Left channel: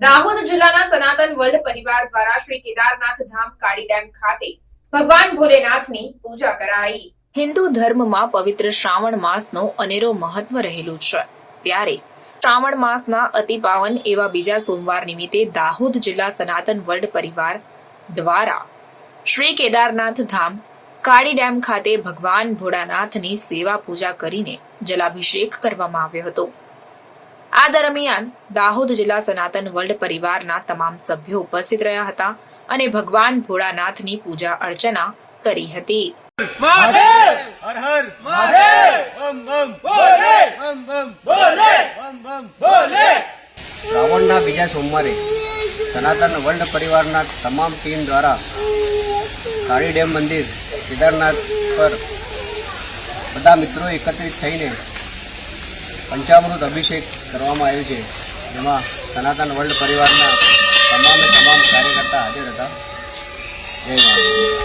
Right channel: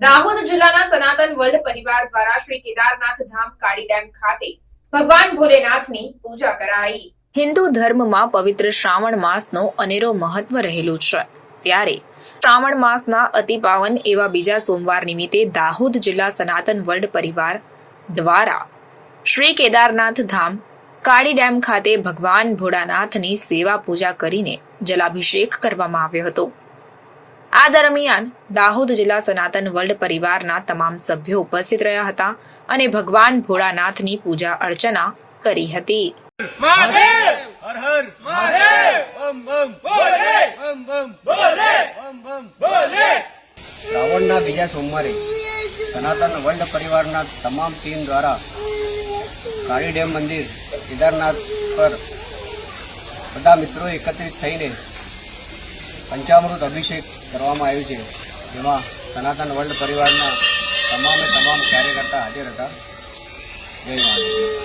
દાહોદ જિલ્લાના સનાતન વર્લ્ડ પરિવાર દ્વારા શ્રી કેદારનાથ ધામ કાળી ડેમ ખાતે ભગવાન ભોલેનાથની પૂજા કરાઈ. હિન્દુ ધર્મમાં પવિત્ર શ્રાવણ માસનો અનેરો મહત્વ રહેલું છે. ત્યારે શ્રાવણ માસના અતિ પાવન એવા બીજા સોમવાર નિમિત્તે દાહોદ જિલ્લા સનાતન વર્લ્ડ પરિવાર દ્વારા શ્રી કેદારનાથ ધામ કાળી ડેમ ખાતે ભગવાન ભોળાનાથની સેવા પૂજા કરીને જલાભિષેક કરવામાં આવ્યો હતો. આ દરમિયાન દાહોદ જિલ્લા સનાતન વર્લ્ડ પરિવારના તમામ સભ્યો ઉપસ્થિત રહ્યા હતા અને ભગવાન ભોળાનાથની પૂજા અર્ચના કરી હતી. હર હર! શ્રાવણના બીજા સોમવારે સનાતન વર્લ્ડ પરિવારના તમામ ટીમ દ્વારા કાળી ડેમ મંદિર કેદારનાથ પર બધા મિત્રો એકત્રિત થઈને પંચામૃત અભિષેક કરવામાં આવ્યું છે. જેમાં સનાતન વર્લ્ડ પરિવારના તમામે તમામ કાર્યકર્તા હાજર હતા. જય મહાદેવ